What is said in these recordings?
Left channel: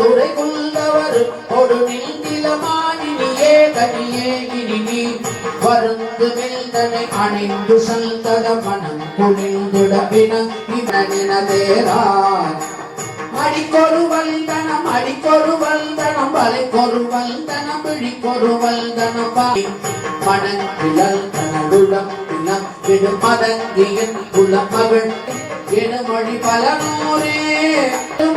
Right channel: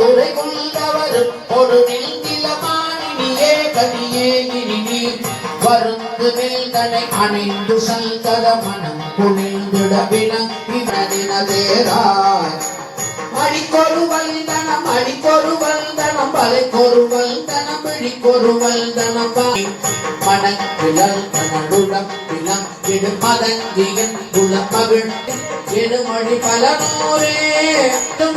துறை கொண்டவர் ஒரு நிலமானினியே கனியே கிரினி வருந்து வெல்தனை அணிந்து சல்கத மனம் குளிர்ந்திடவின இவனின தேராய் மடிக்கொரு வல்தனம் அடிக்கொரு வல்தனம் வலைக்கொரு வல்தனம் விழிக்கொரு வல்தனம் மணங்கிழல் தனதுடம் இளம் எடு மதங்கியன் உளமகள் எடுமொழி பல நூறே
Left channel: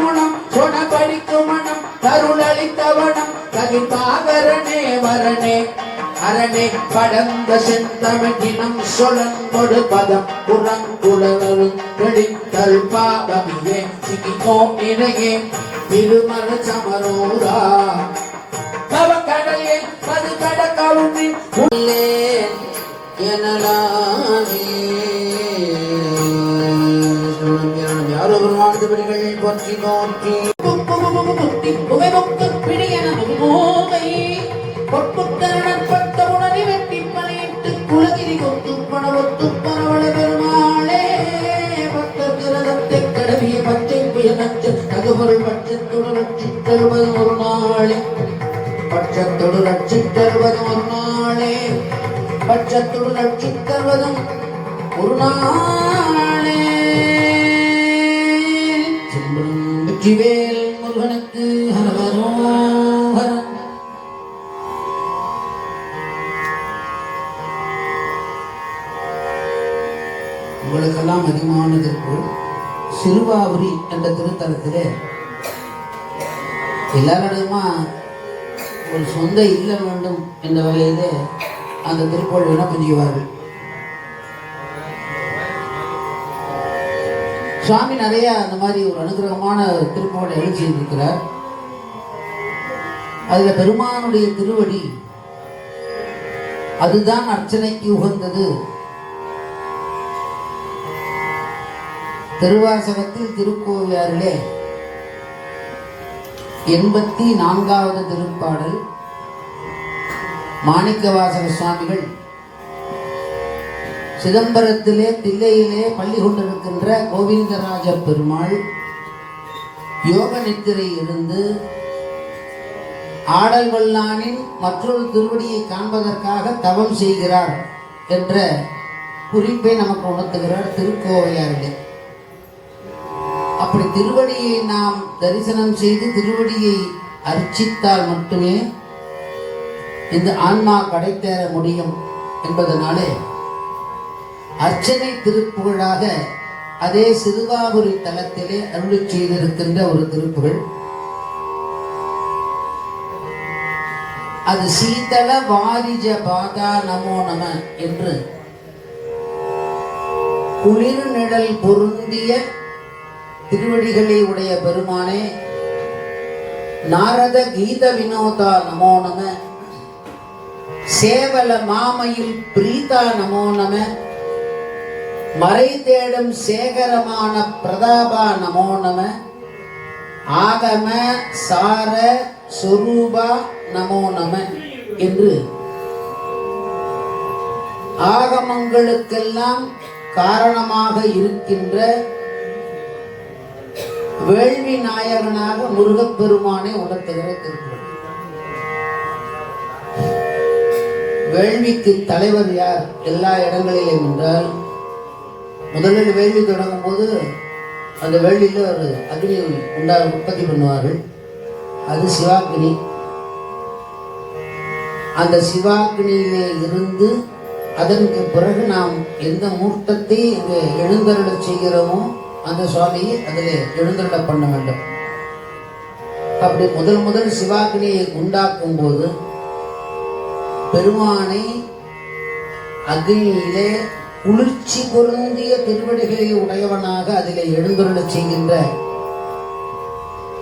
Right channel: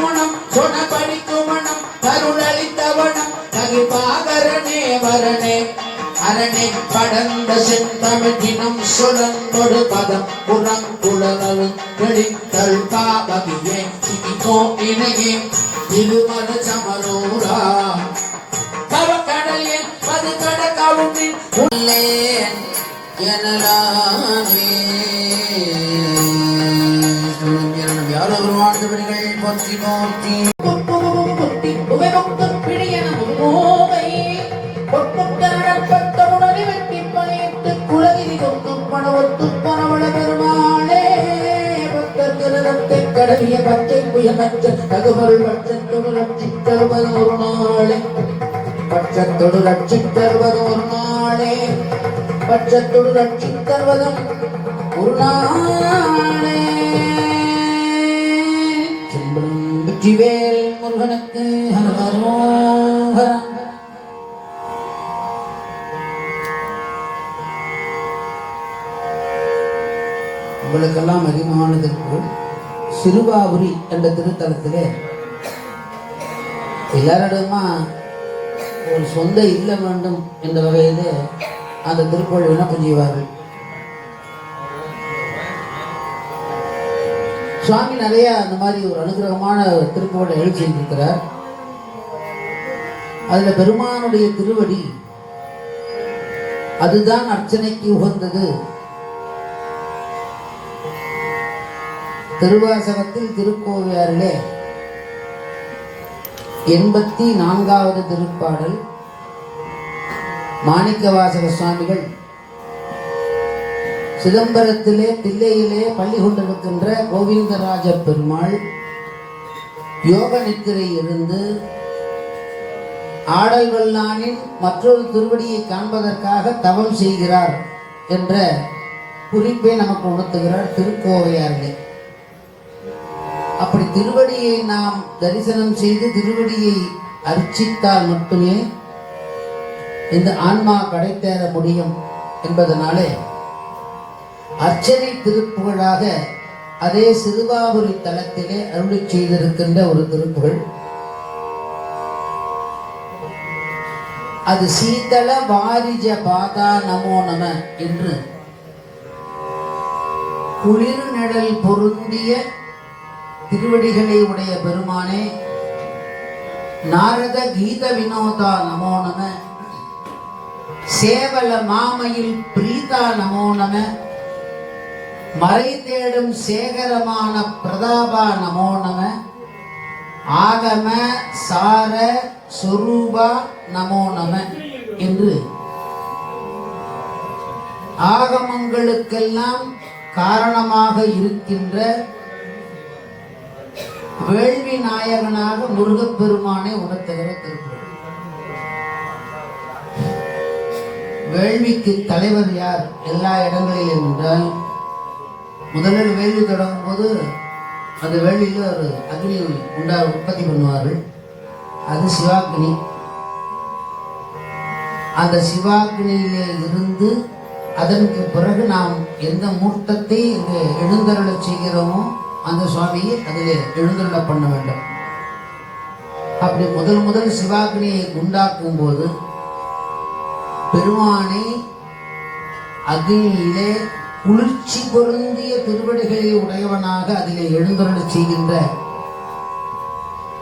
மனம் சொனபடிக்குமணம் கருளளித்தவனம் ககிபாகரனே வரனே அரணே படந்த செந்தமிழினம் சொலங்கொடு பதம் புறங்குழலும் வெளித்தல் பாவகியே சிகிக்கோ இணையே திருமண சமனூரா கவக்கடலே மது கடக்கவுமி உள்ளே எனலாமே யாரோ பெருமாள் பற்றி நோக்கி கடவிய பச்சை புயலச்ச தகுமருள் பட்சத்தொடு ரட்சித்தருவது ஒரு நாளே பட்சத்தொடு ரட்சித்தருவது ஒரு நாளே பட்சத்தொடு ரட்சித்தருவதும் ஒரு நாளே வெற்றிவேல் முருகனுக்கு ஹரஹரோஹரம். உங்களுக்கெல்லாம் அதிகமானதற்கு சிறுவாபுரி என்ற திருத்தலத்திலே எல்லாரிடமா ஒரு சொந்த இல்ல வேண்டும் என்ற வகையிலே அந்த திருக்கோயிலை புரிவார்கள். சுவாமி நிறைய அந்த மாதிரி ஒரு அனுகிரகமான திருக்கோயிலை எழுச்சியிருக்கிறார். அதுல பெருமானுடைய திருவடி அதுதான் அர்ச்சனைக்கு உகந்தது. திருவாசகத்தில் திருக்கோவையாரிலே 84வது திருப்பாடல் மாணிக்கவாசக சுவாமிகள் சிதம்பரத்திலே தில்லையிலே பள்ளி கொண்டிருக்கின்ற கோவிந்தராஜ பெருமாள் யோக நித்திரை இருந்து ஆடல் வல்லானின் மற்றொரு திருவடியை காண்பதற்காக தவம் செய்கிறார் என்ற குறிப்பை நமக்கு உணர்த்துகிறார் திருக்கோவையாரிலே. அப்படி திருவடியை நாம் தரிசனம் செய்து திருவடியை அர்ச்சித்தால் மட்டுமே இந்த ஆன்மா கடைத்தேற முடியும் என்பதனாலே அர்ச்சனை திருப்புகழாக அதே சிறுவாபுரி தலத்திலே அருளி செய்திருக்கின்ற ஒரு திருப்புகழ். அது சீதள வாரிஜ பாதா நமோ நம என்று குளிர் நிழல் பொருந்திய திருவடிகளை உடைய பெருமானே நாரத கீத வினோதா நமோ நம சேவல மாமையில் பிரீதா நமோ நம மறை தேடும் சேகரமான பிரதாபா நமோ நம ஆகம சார சுரூபா நமோ நம என்று ஆகமங்களுக்கெல்லாம் காரணமாக இருக்கின்ற வேள்வி நாயகனாக முருகப்பெருமானை உணர்த்துகிற திருக்குறள். வேள்விக்கு தலைவர் யார் எல்லா இடங்களிலும் என்றால், முதலில் வேள்வி தொடங்கும் போது அந்த வேள்வியில் ஒரு அக்னி உற்பத்தி பண்ணுவார்கள். அது சிவாக்னி. அந்த சிவாக்னியிலே இருந்து அதற்கு பிறகு நாம் எந்த மூர்த்தத்தை இங்கு எழுந்தருள செய்கிறோமோ அந்த சுவாமியை அதில் எழுந்தருள பண்ண வேண்டும். அப்படி முதல் சிவாக்னியை உண்டாக்கும் போது பெருமானை அக்னியிலே குளிர்ச்சி பொருந்திய திருவடிகளை உடையவனாக அதிலே எழுந்தருள செய்கின்ற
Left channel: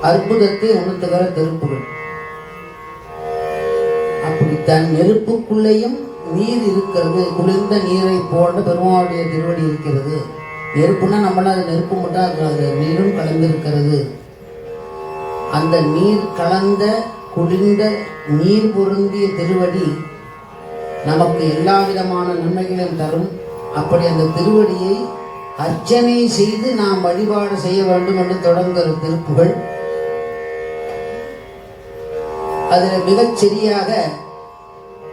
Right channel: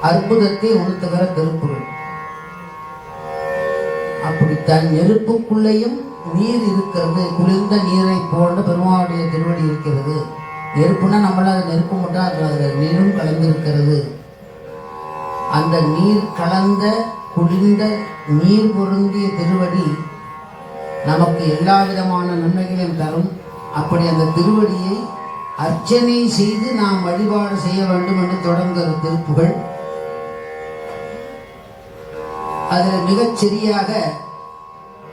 அற்புதத்தை உணர்த்துகிற திருப்புகழ். அப்படி தன் நெருப்புக்குள்ளேயும் நீர் இருக்கிறது. குளிர்ந்த நீரை போன்ற பெருமாளுடைய திருவடி இருக்கிறது. நெருப்புனா நம்மளால அது நெருப்பு மட்டும் இருக்காது, நீரும் கலந்திருக்கிறது. அந்த நீர் கலந்த குளிர்ந்த நீர் பொருந்திய திருவடி நமக்கு எல்லா விதமான நன்மைகளையும் தரும். அப்படி அந்த திருவடியை அர்ச்சனை செய்து நாம் வழிபாடு செய்ய வேண்டும் என்று தொடங்குகிற திருப்புகள். அதில் மிகச்சரியாக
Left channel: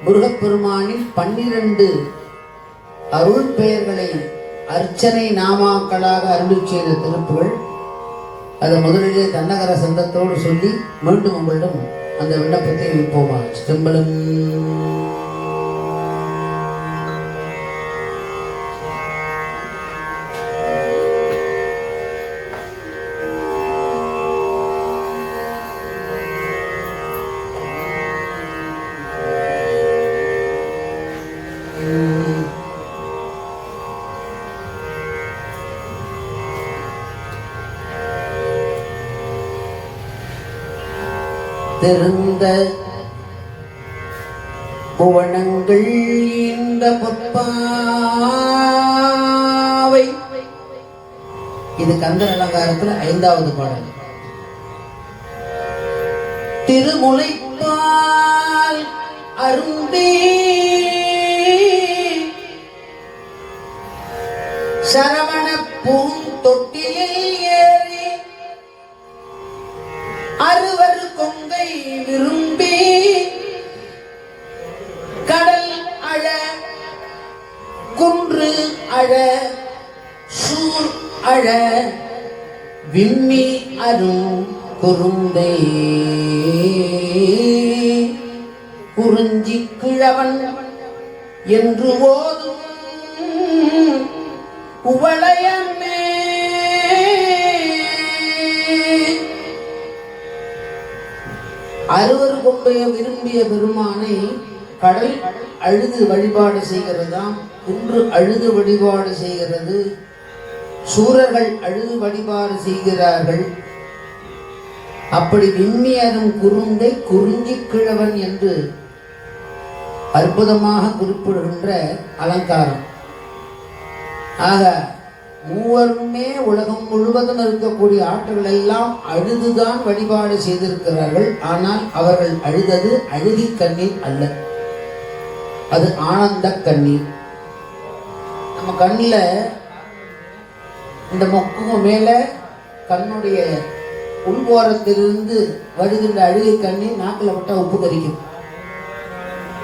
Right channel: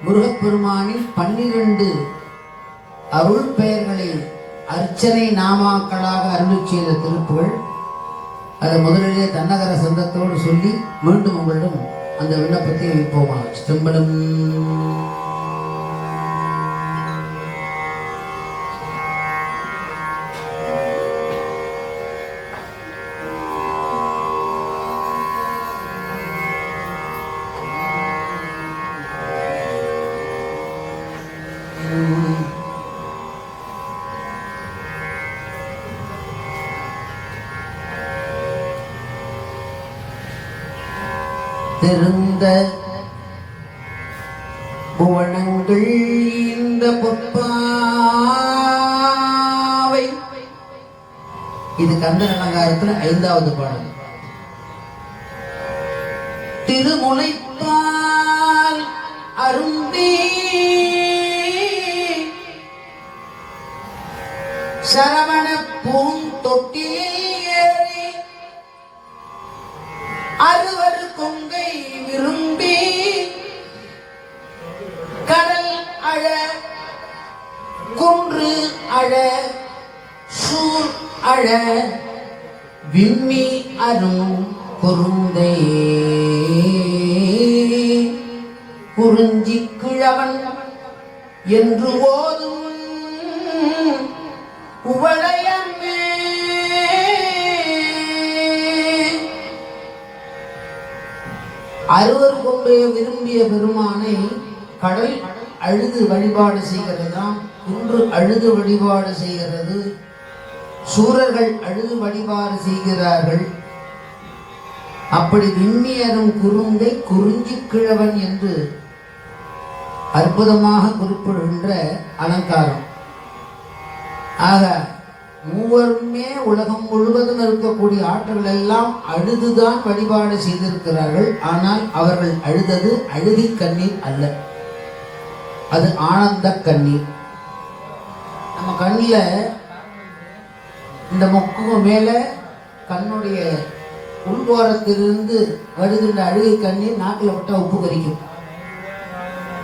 முருகப்பெருமானின் 12 அருள் பெயர்களை அர்ச்சனை நாமாக்களாக அருளி செய்த திருப்புகள். அதை முதலிலே தன்னகர சந்தத்தோடு சொல்லி மீண்டும் உங்களிடம் அந்த விண்ணப்பத்தை வைப்போமா. சிதம்பரம் திருந்த புவனங்கள் இந்த பொற்பாவை. இது கந்தர் அலங்காரத்துல 5வது பாடல். திருமுலைப்பால் அருந்தி சரவண பூந்தொட்டியை ஏறி அறுவர் கொங்கை விரும்பி கடல் அழ குன்று அழ சூர் அழ விம்மி அரும் குறுந்தை குறிஞ்சி கிழவன் என்று ஓதும் உவளையமே. அறுவர் கொண்டைய விரும்பிய பெருமானை கடல் அழுது வழிபாடு செய்கிறதாம், குன்று அழுது வழிபாடு செய்கிறது, சூரர்கள் அழுது வழிபாடு செய்கிறார்கள். அப்படி விம்மியரும் குறுந்தை குறிஞ்சி கிழவன் என்று அற்புதமாக குறிப்பிடுகின்ற அலங்காரம். ஆக மூவருமே உலகம் முழுவதும் இருக்கக்கூடிய ஆற்றல் எல்லாம் அழுதுதான் வழிபாடு செய்திருக்கிறார்கள். ஆனால் அவர்கள் அழுதது அழுதி கண்ணீர் அல்ல, அது ஆனந்த கண்ணீர். நம்ம கண்ணில் இந்த மொக்கு மேல கண்ணுடைய உள்வோரத்திலிருந்து வருகின்ற அழுகை கண்ணீர் நாக்கில் விட்ட உப்பு கரிக்கும்.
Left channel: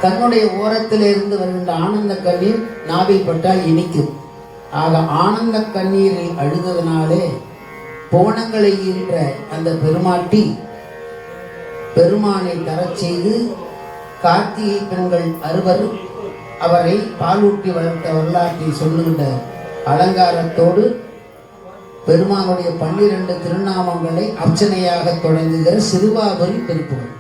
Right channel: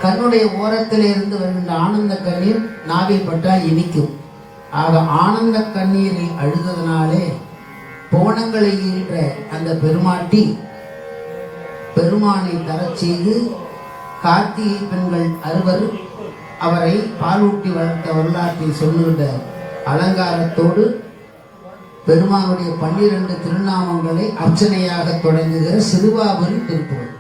கண்ணுடைய ஓரத்தில் இருந்து வருகின்ற ஆனந்த கண்ணீர் நாவில் பட்டால் இனிக்கும். ஆக ஆனந்த கண்ணீரை அழுததனாலே போனங்களை ஈன்ற அந்த பெருமாட்டி பெருமானை தரச் செய்து கார்த்திகை பெண்கள் 6 அவரை பாலூட்டி வளர்த்த வரலாற்றை சொல்லுகின்ற அலங்காரத்தோடு பெருமானுடைய 12 திருநாமங்களை அர்ச்சனையாக தொடங்குகிற சிறுவாபுரி திருப்புகள்.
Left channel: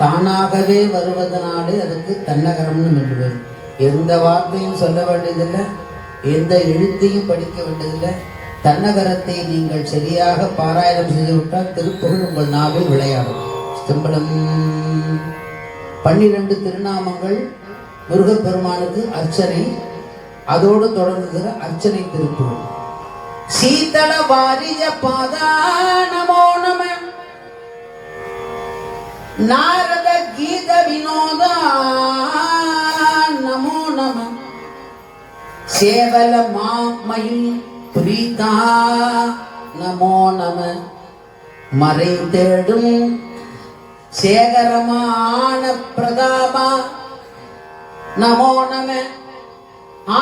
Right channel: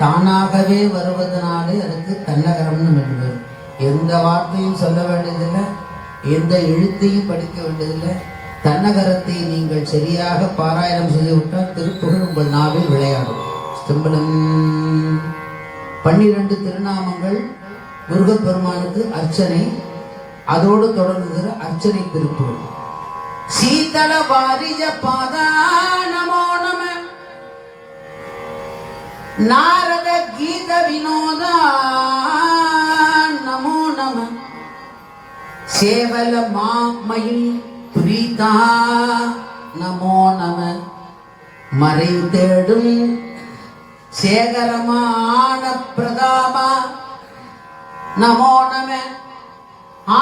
தானாகவே வருவதனாலே அதுக்கு தன்னகரம்னு சொல்லுவார். எந்த வார்த்தையும் சொல்ல வேண்டியதில்லை, எந்த எழுத்தையும் படிக்க வேண்டியதில்லை. தன்னகரத்தை நீங்கள் சரியாக பாராயணம் செய்துவிட்டால் திருப்புகழ் உங்கள் நாவில் விளையாடும். சிம்பளம் 12 திருநாமங்கள் முருகப்பெருமானுக்கு அர்ச்சனை, அதோடு தொடங்குகிற அர்ச்சனை திருப்புகழ். சீதள வாரிஜ பாதா நமோ நம, நாரத கீத வினோத நமோ நம, சேவல மாமயில் பிரீதா நமோ நம, மறை தேடும் சேகரமான பிரதாபா நமோ நம,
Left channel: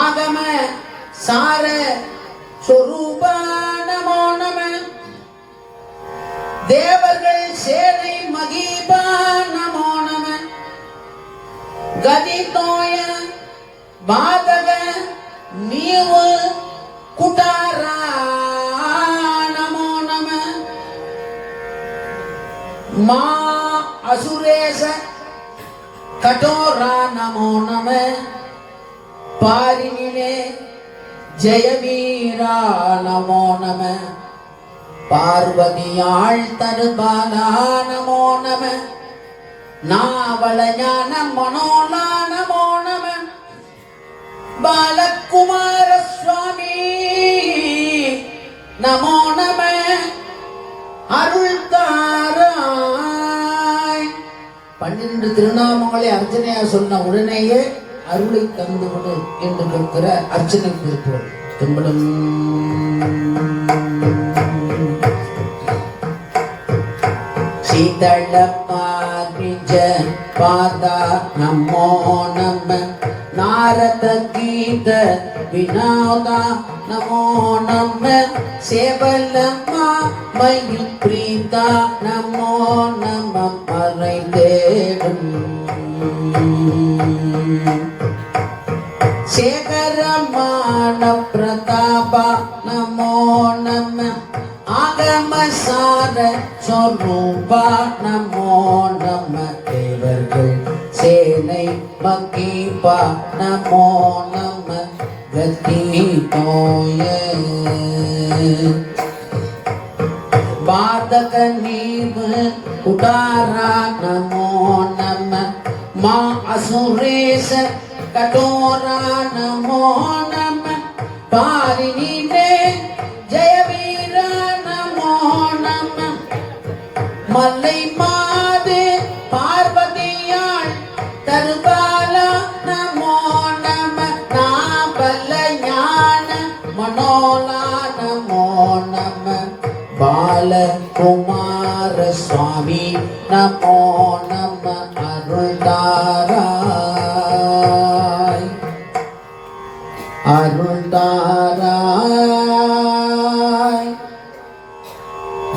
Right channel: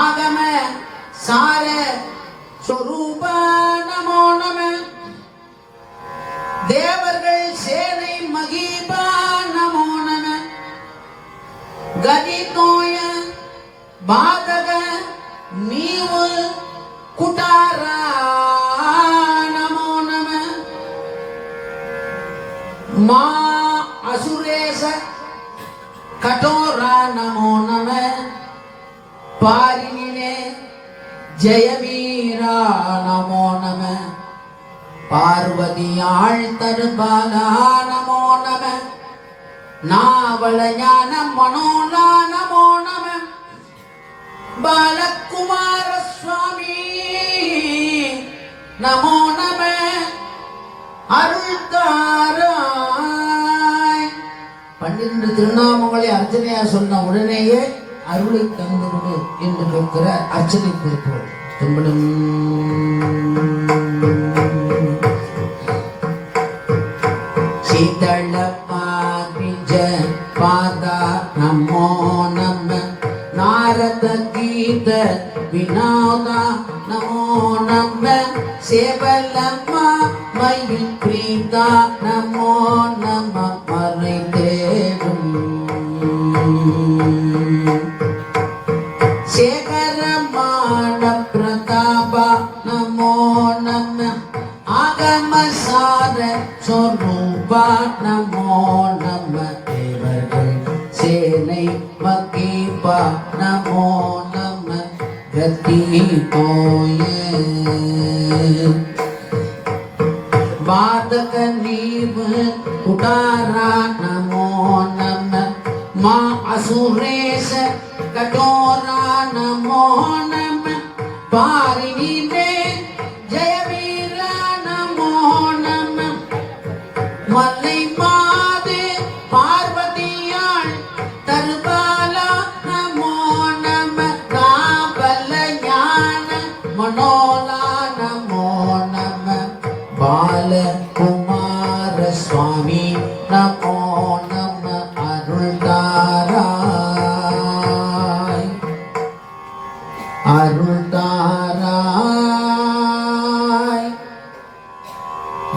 ஆகம சார சொரூப நமோ நம, தேவர்கள் சேனை மகிபா ಗದಿತೋಯ ಬಾದಗ ನೀವು ಕುಟಾರ ನಮೋ ನಮ ಮಾ ಅಸುರೇಶ ಕಠೋರ ನಮೋ ನಮ ಪಾರಿನಿಲೆ ஜெயவீரா நமோ நம பார்வதியாள் தருபாலா நமோ நம நாவல ஞான மனோலா நமோ நம பாலகுமார சுவாமி நமோ நம அருள்தாராய் 12 திருநாமங்களை அர்ச்சனையா சொன்ன உடனேயே அருளை தந்து கொடு என்று கேட்கிற அர்ச்சனை திருக்குறள் திரும்படும். சீதள பாபிஜ பாதா நமோ நம நாரத கீத வினோதா நமோ நம சேவலமா மயில் பிரீதா நமோ நம மறை தேடும் சேகரமான பிரதாப நமோ நம ஆகமசார சொரூபா நமோ நம தேவர்கள் சேனை மகீபா நமோ நம கதி தோய பாதக நீவு குடாரா நமோ நம மா அசுரேச கட்டோரா நமோ நம பாரினிலே ஜெயவீரா நமோ நம மல்லை மாதே பார்வதியாள் தருபாலா நமோ நம நாபல ஞான மனோலா நமோ நம பாலகுமார சுவாமி நமோ நம அருள்தாராய் அருள்தாராய்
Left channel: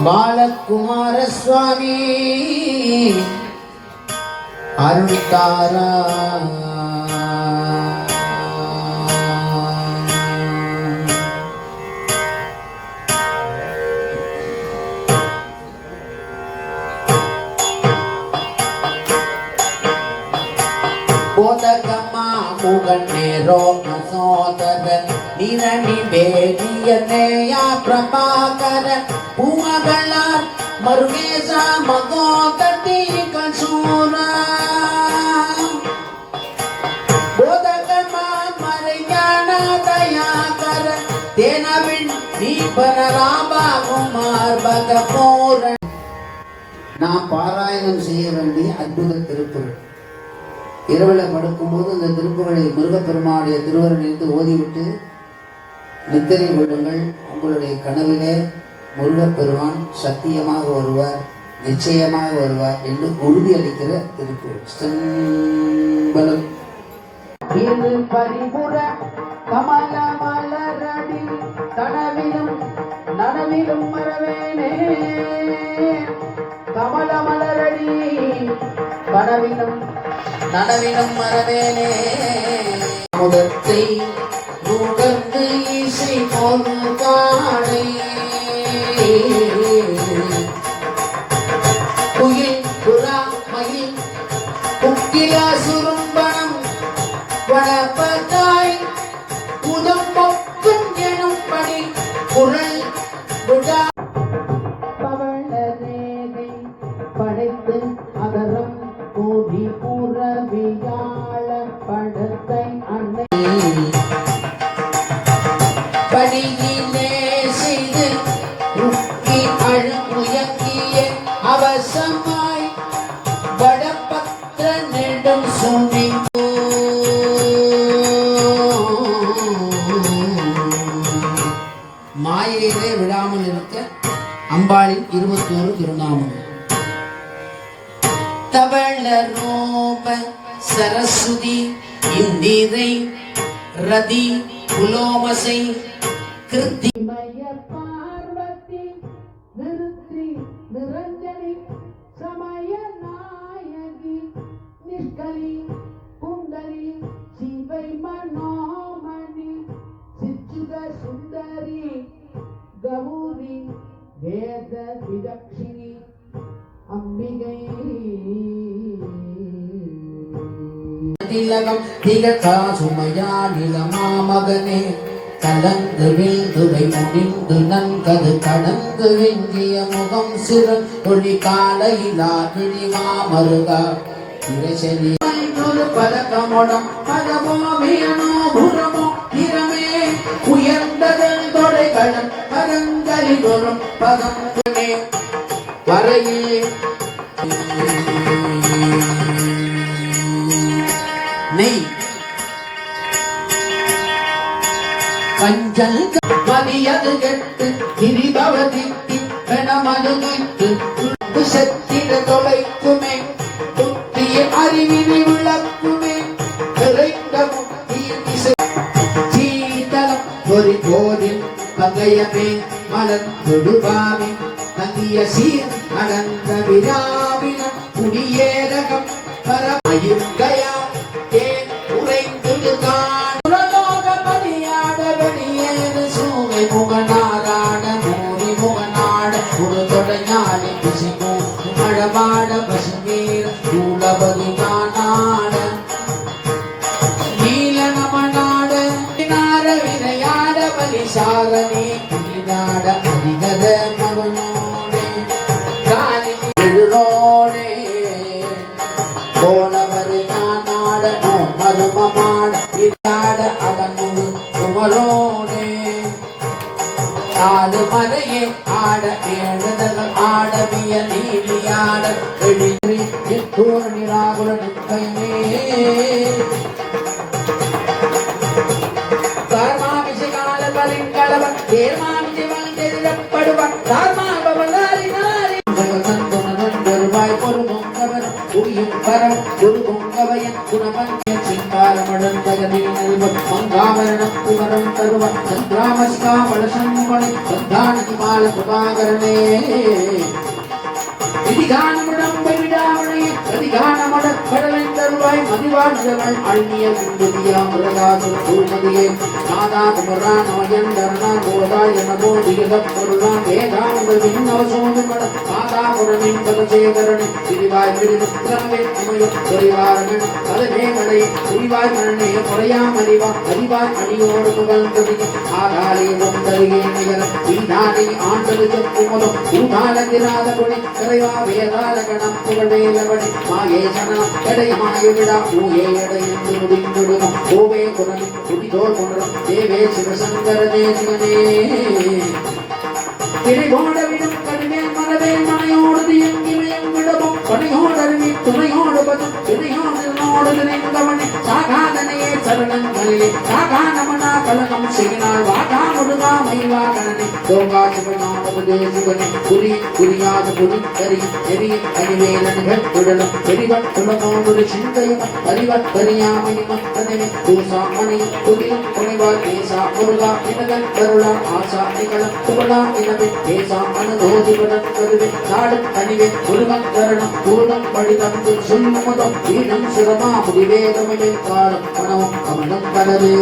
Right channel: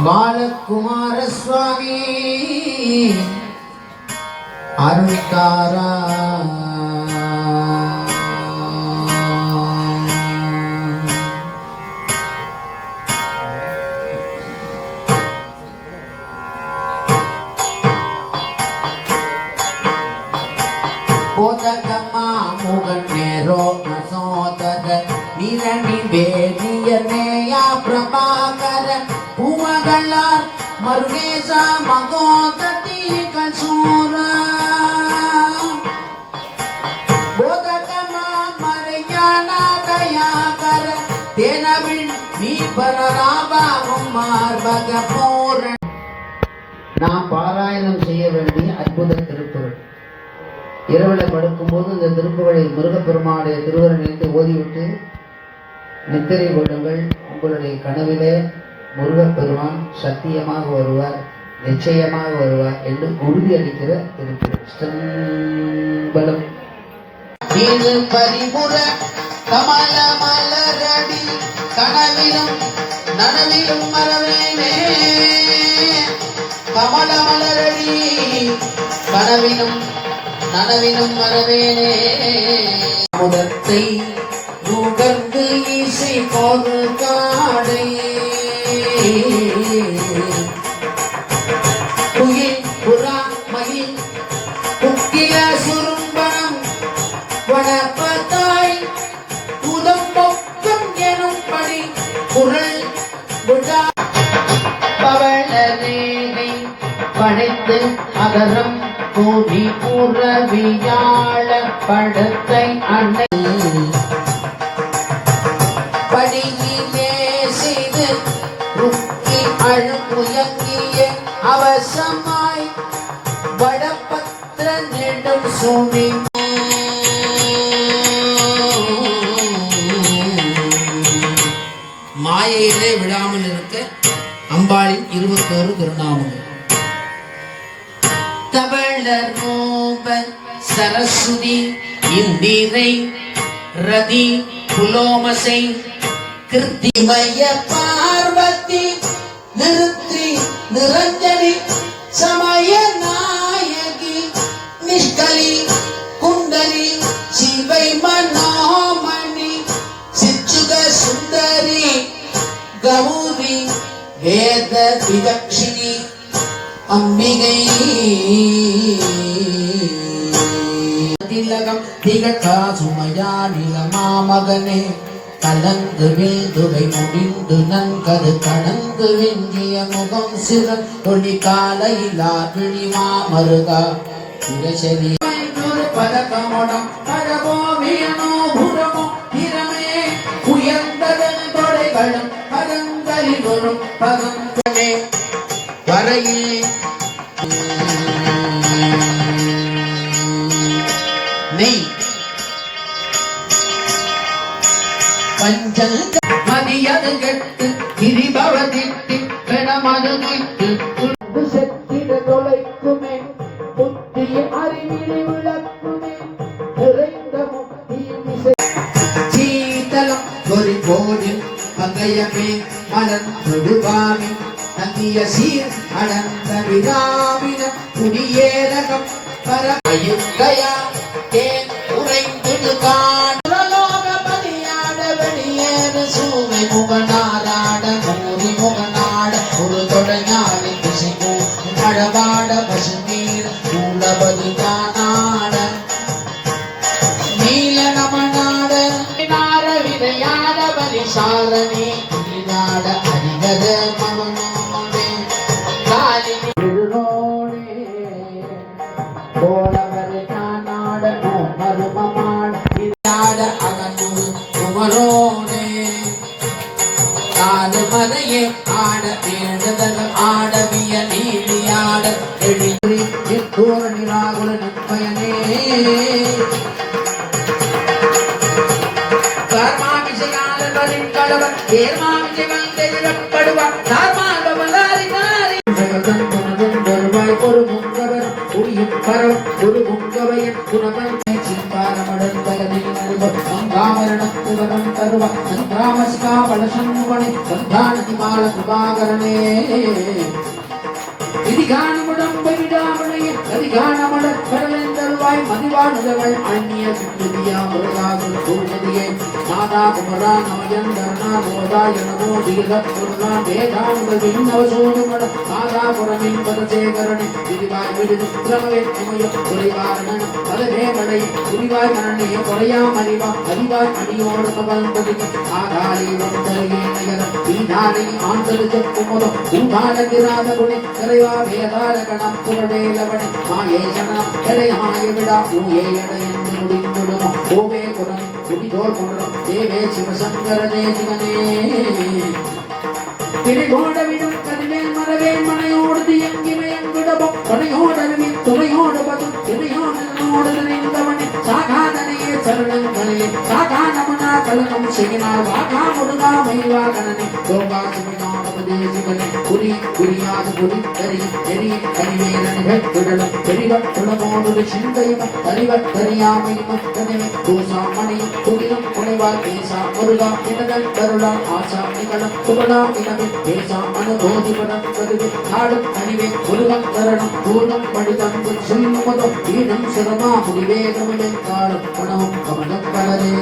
பாலகுமார சுவாமி அருள்தாராய். போதகமா முகநேரோ மசோதர நிரணி வேதியனேயா பிரபாகர பூமகளார் மருகேசா மகோததி கசூர போதகமா மறைஞானா தயாகர தேனவின் நீபர ராபா குமார் பகபூரன். நாம் பாராயணம் செய்ய வேண்டிய அற்புத திருக்குறள். இரவில் படுக்கும்போது இந்த திருப்புகளை முருகப்பெருமானுடைய திருவரை நினைத்து ஓதிவிட்டு நித்திரை விடுங்கள். உங்களுடைய கனவிலே முருகப்பெருமான் சத்தியமாக வருவார், நிச்சயமாக வருவார் என்று உறுதியளிக்கிற திருக்குறள். செம்பலம் பரிபுற கமல மலரடி கனவிலும் நனவிலும் மறவேனே கமல மலரடி கனவிலும் நனவினும் மறவேனே முதத்தை நுகர்ந்து இசை போது காடை குயில் புறா மயில் குக்கில சுரும்பனம் வளர்ப்பதாய் உதம்பொக்கும் எனும்படி குரல் விடா பவளரேகை படைத்து அகரம் கூடி புறவியாழ படத்தை அன்னை படியிலே செய்து ருக்கி அழுமுயக்கிய அவசமாய் வடபத்திர நெடும் சுமி மாயையிலே விடாமல் இருக்க அம்பாளின் 21 திருநாமங்கள். தவளர் ரூப சரஸ்வதி இந்திரை ரதி புலோமசை கிருத்திமய பார்வதி நிறுத்தி நிரஞ்சனி சமய நாயகி நிஷ்கலி விதக்ஷினி அம்பிகை திலகம் திகழா சுமையா நிலமா மகனே கலந்து வீழ்ந்துவை முடிந்து நன்கரு கடந்து வெங்கிய முகம் சிறன் ஒளி காலையிலா திரிமா மருகா திரசரி பதக்கமுடம் பரவோமேனோ புறமோ திறமே உயர்ந்ததன் தொடைகளும் கரங்களிலொரும் பதமே வரையில் நெய் கஞ்சல் மதியது கெட்டு திரிபவதிட்டு பெணமது நீட்டு துண்டு செத்திட தொலைக்குமே புத்திய அறிவினை விளக்குமே விரைந்த முக்தியின் இசை சீதளம் ஒரு போரில் பகையமே மலர்ந்துடுவாமே தங்கிய சீர் அடர்ந்த விராவின குடியேரகம் பரமயுக்கையா தேன் உறைந்துடு முகநாடாட மூரி முகநாட ஒரு தொடையாடி குசிமோ மழவாட பசுமீர் கூலபதி தானாட நீல நமநாட நாட வினையாட பலிசாரணி நாட அறிஞத மகனோடே காலி எழுரோடே போனவரு தானாட நோ மருமமாட இதாட அகனு குமரோடே ஆடு மலையே ஆட வேண்டுதல் ஆடவிய நீடியாட எழில் தூர நிராகுல நிற்பயனே கர்மாவிசையால பலின்களவன் தேர்மாவிசை வந்தெதிரப்படுவான் தார்மாவலாரினாரி வருவாய் ஒரு பொங்கவன் உயிர் பரம் ஒரு பொங்கவையன் குணவன் மங்காமரணத்துகரம் தருவ சந்திராமஸ்காமல சண்முகனை சந்தானதிமால சுபாகரணே விதிகானமுடம் விடாமனைய அதிகானமட கடலின் தருவாய் மதிவாழ்கள் அழ்நிய சுந்துதியா முருகாசுர குருமதியை நாதா குமரா நமயன் தரணா கோதாய நமோ திகத பொருளா வேதாங்கள் விண்ணவ சூழ்நிமட நாதா புறமின் பதசேகரணி திரிவாய் விடுதிரவே இமய துறைவாரணன் தலவே மழை துரிவாய் மரணே குறையாம் அறிவா அறிவாய் அணியோடு மகள்பதிக்கு ஆதாரே ஒன்றருகே நிகர ஈதானை ஆண்டது செப்புமதோ ஊதாலகிராத குணி கரைவா வேதால கணம் புகழேலவனை மாயே சரணம் கடையமாய விடா ஊயே எடையென்று முடிந்துடுமோ ஓவே குரணி குடிதோள் கொன்றும் தேவே சிவசங்கரனே சிவனே திரிகோடவிடும் கடிமேல் மரவேல் மனையோடு தியங்கிமயங்கிடமும் பனையோடவி துணையோடு பதும் துணையோடு நினைந்தவனை சாகாதனையே சரணங்களே சாகானமனா கலகம் செய்யினார் வாகா முடுகா மைவா கணனி தோகா சிவனானது தேசிவனே குறி குறியாக குறி தெரி தெரி கனிவேலன்கள் குடலும் தெரிவட் குலமோடு சிந்தையும் அறிவட் தெரியாமையும் தனிமை தூசா மணி துரியம் துணிவால் தேசா முருகா இனகள் கருளா ஆசா நிகழம் துகளாம் இனமே தேசா அனுபோதிபடன் கருவி நாடும் அணிவே முருகன் கரணம் பூலம் படிதந்து சொல்லுமுதோ வீடும் சிரமா முடிவேதமிழை காலம் பணம் கமலம் கலரே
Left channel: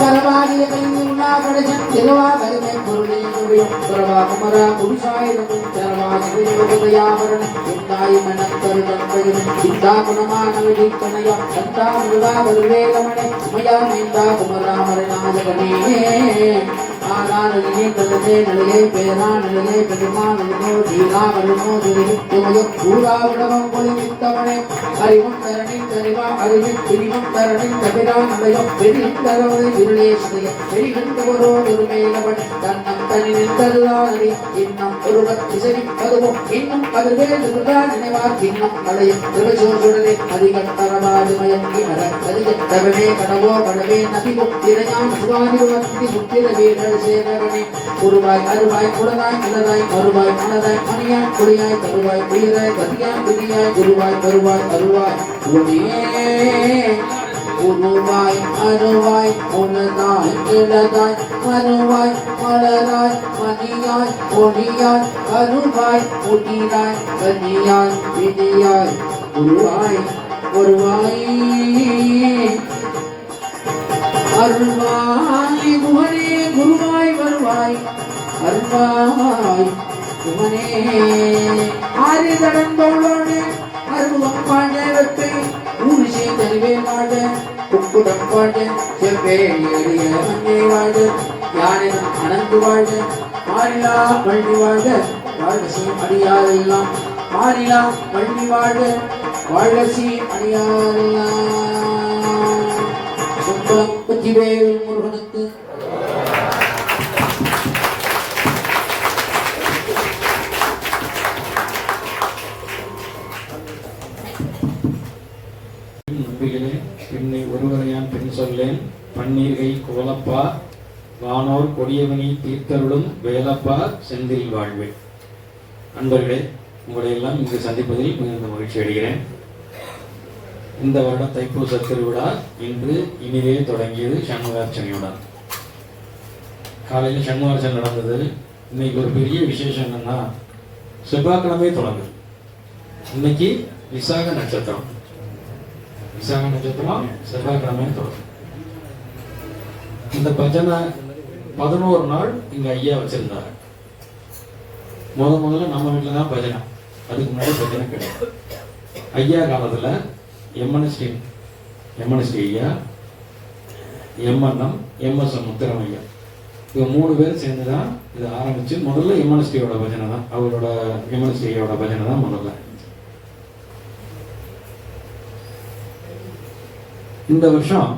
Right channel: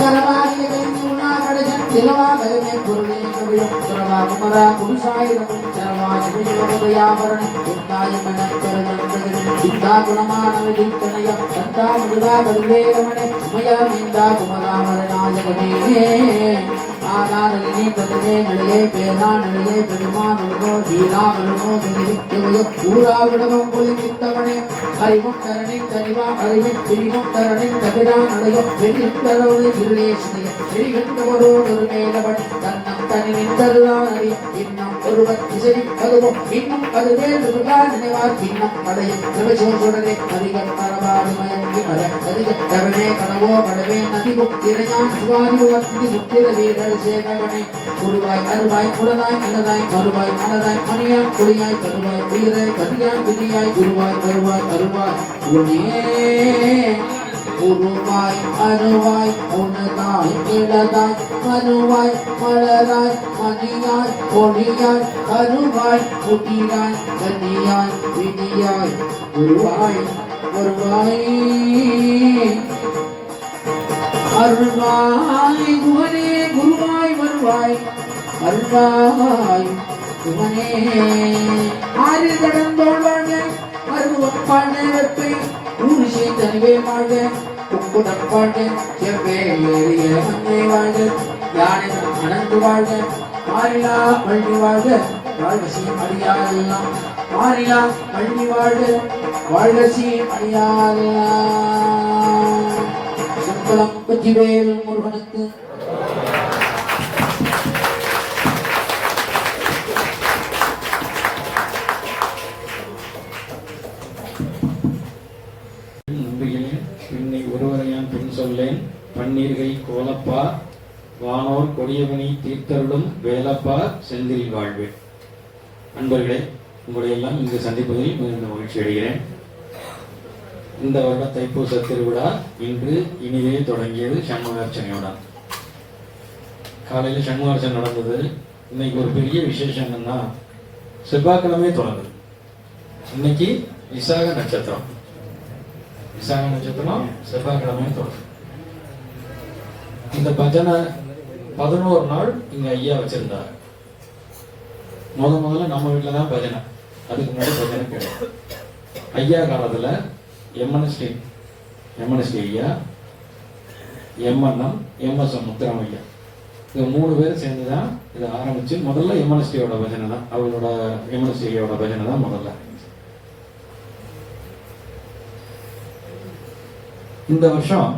கரவாரிய கண்ணி உண்ணாகடஜன் திருவா கருமை பொருளை முடியும் கரவா கமரா குடிசாயிரமும் சரவா சிவயோகயாபரண உண்டாய் மனக்கருதன் சித்தா குணமான விதித்தனையா சந்தா முருகா கருவேகமனே உமையா மீண்டா குமராமரநாயகனே ஆனானே கருவே நலையே பேரா நலையே பெருமா நலனோ தீரா மருமோ திரிவித்துமையோ ஊராவிடமும் பொலிமித்தவனே அறிவும் தரணின் தனிவா அறிவின் பிரிவும் தரணின் கபிரா நலையோ பெரியும் தரவதை இருளேசனைய பெரிகின்றவரோ ஒருமேலவன் தன்னம் தனி நின்றதுதானடி இன்னும் ஒருவர் இசைவி கருவும் இன்னும் கருவே முருகா நினைவார் இன்னும் கடையும் திருவசோருடனே அதிகம் தரவாது மயங்கி மர அதிக தவனே கனவோ படவே நதிவும் திரையாம் சுவாதிவாந்தி முத்திர வீரர் சேவகனே குருவாய் அருவாய் குலதாய் நிலதாய் மறுவாய் மனதாய் மணியாய் குடியாய் கருவாய் உயிராய் பதியாய் விதியாய் குருவாய் கருவாய் அருவாய் உனியே உருவாய் அருவாய் உனதாய் இளதாய் மறுவாய் மலராய் மணியாய் ஒளியாய் அருவாய் உதிராய் கனியாய் விதியாய் குருவாய் வருவாய் அருவாய் குஹரே குருவாய் வருவாய் அருள்வாய் சிவனே. ஆறு கடந்தோள் வாழ அருவம் வாழ வெப்பை ஊசி தனிவே வாழ குக்குடம் வாழ செவ்வே எரிய மங்கை வாழ யானை அனந்து வாழ மாறிலா பள்ளி வாழ வாழ்கசி அடியாரெல்லாம் மாறிலா பள்ளி வாழ வாழ்கசி அடியாரெல்லாம். சும்பளம் வெற்றிவேல் முருகனுக்கு. நம்பிகளே, பின்னை ஒருவரையான் பின் சொல்லேன் பன்னீர்கை கோலப்பா வானோர் கொடியவனி தீர்த்தருளும் வேலப்பா செந்தில் வாழ்வே. நண்பர்களே, உங்களை எல்லாம் இங்கு சந்திப்பதில் மிகுந்த மகிழ்ச்சி அடைகிறேன். இந்த வருட தைப்பூச திருவிழா இன்று இனிதே தொடங்கியது. சண்முகார்ச்சனையுடன் காலையில் சண்முகார்ச்சனை நடந்தது. இன்னைக்கு ஒரு பெரிய விசேஷம் என்னன்னா, செவ்வாய்க்கிழமை தொடங்குது. இன்னைக்கு விசாக நட்சத்திரம். விசாக நட்சத்திரம் செவ்வாய்க்கிழமை தொடங்கும். இந்த பஜனை 11 நாள் இங்க ஐயா வச்சிருந்தாங்க. முதல்ல நம்ம வீட்டுல தான் பஜனை, அதுக்கு முன்னாடி பஜனை கிடையாது. ஐயா காலத்துல எம்என்எஸ்டி ஐயா, எம்என்எம், எம்எஸ்எம் முத்துராமையா, இவங்க 3 பேர் சேர்ந்துதான் இதை ஆரம்பிச்சு. முதல்ல எம்என்எஸ்டியோட பஜனை தான், அவரோட எம்என்எஸ்டியோட பஜனை தான் முதல்ல. இந்த வருஷம்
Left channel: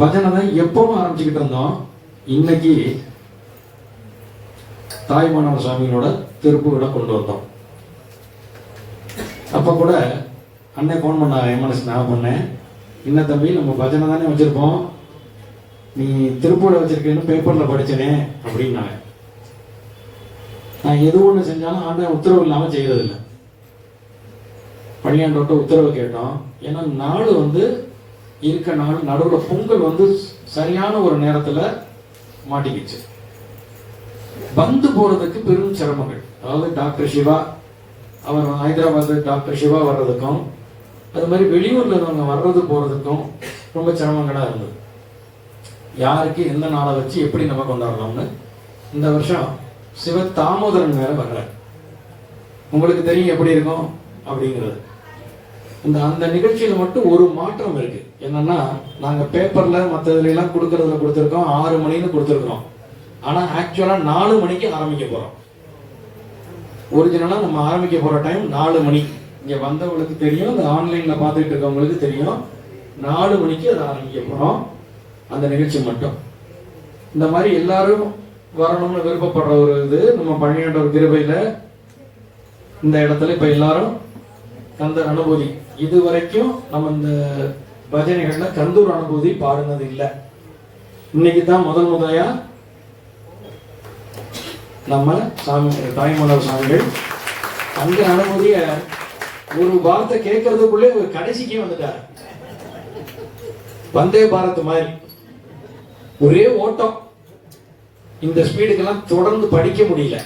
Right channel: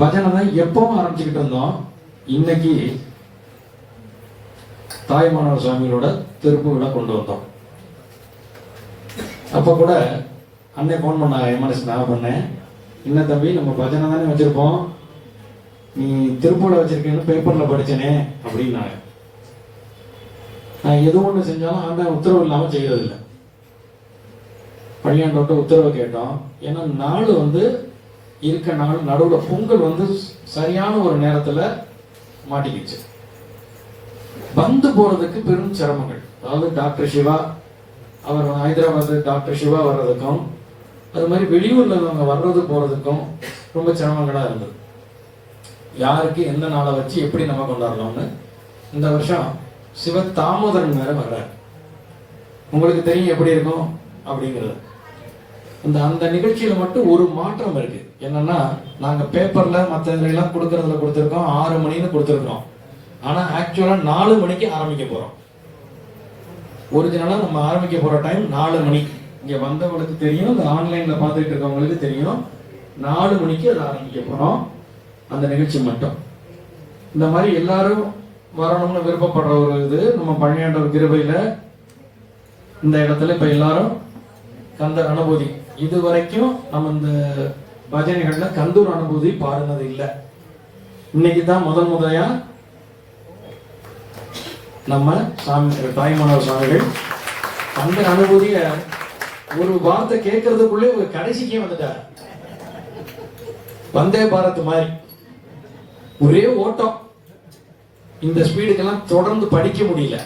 பஜனை தான் எப்பவும் ஆரம்பிச்சுக்கிட்டு இருந்தோம். இன்னைக்கு தாய்மானவர் சுவாமிகளோட திருப்புகளை கொண்டு வந்தோம். அப்ப கூட அன்னை போன் பண்ணாங்க, எம்என்எஸ் நான் பண்ணேன், என்ன தம்பி நம்ம பஜனை தானே வச்சிருப்போம், நீ திருப்பூட வச்சிருக்கேன்னு பேப்பர்ல படிச்சனே அப்படின்னாங்க. நான் எது ஒண்ணு செஞ்சாலும் ஆண்டா உத்தரவு இல்லாம செய்யறதில்லை. பள்ளியாண்டோட்ட உத்தரவு கேட்டோம். ஏன்னா நாடு இருக்க நாள் நடுவில் பொங்கல் சரியான ஒரு நேரத்துல மாட்டிக்கிச்சு. வந்து போறதுக்கு பெரும் சிரமங்கள். அதாவது டாக்டர் சிவா அவர் ஹைதராபாத் டாக்டர் சிவா வர்றதுக்கும், அது மாதிரி வெளியூர்ல இருந்தவங்க வர்றது போறதுக்கும் ரொம்ப சிரமங்களா இருந்தது. யாருக்கு எந்த நாளை வச்சு எப்படி நம்ம கொண்டாடலாம்னு. இந்த வருஷம் சிவ தாமோதரன் வேற வர்ற, உங்களுக்கு தெரியும் எப்படி இருக்கும் அப்படிங்கிறது. அந்த நிகழ்ச்சியில மட்டும் ஒரு மாற்றம் இருக்கு. என்னன்னா, நாங்க பேப்பர்ல மற்றதுல எல்லாம் கொடுக்கறதுல கொடுத்திருக்கோம் 6 மணின்னு கொடுத்திருக்கோம். ஆனா ஆக்சுவலா 4 மணிக்கு ஆரம்பிக்க போறோம். ஒரிஜினலா நம்ம ஆரம்பிக்க போற டைம் 4 மணி. இங்க வந்தவங்களுக்கு தெரியும், இந்த ஆன்லைன்ல பாத்துட்டு இருக்கவங்களுக்கு தெரியும். 4 மணிக்கு அதை ஆரம்பிக்க போறோம். அந்த நிகழ்ச்சி மட்டும் இந்த மாதிரி எல்லாரும் வரணும்னு விருப்பப்படுற ஒரு இது நம்ம பழனியாண்டவர் கிருபையில இந்த இடத்துல இப்ப எல்லாரும் கந்தர் அனுபூதி, இது வரைக்கும் நம்ம இந்த பஜனைகள்ல கந்தூர் அனுபூதி பாடுனது இல்லை. இன்னைக்கு தான் முதலையா நம்ம சாமி தாய்மானவர் சுவாமிகள் அந்த அனுபூதிய ஒரு வார்த்தை கேட்கறதுக்குள்ளே கடைசிக்கே வந்துட்டார். வந்தே பாரத் மாதிரி ஒரே ஓட்டம். இந்த ஸ்பீடுக்கெல்லாம் தொடர்ந்து படிக்க முடியல.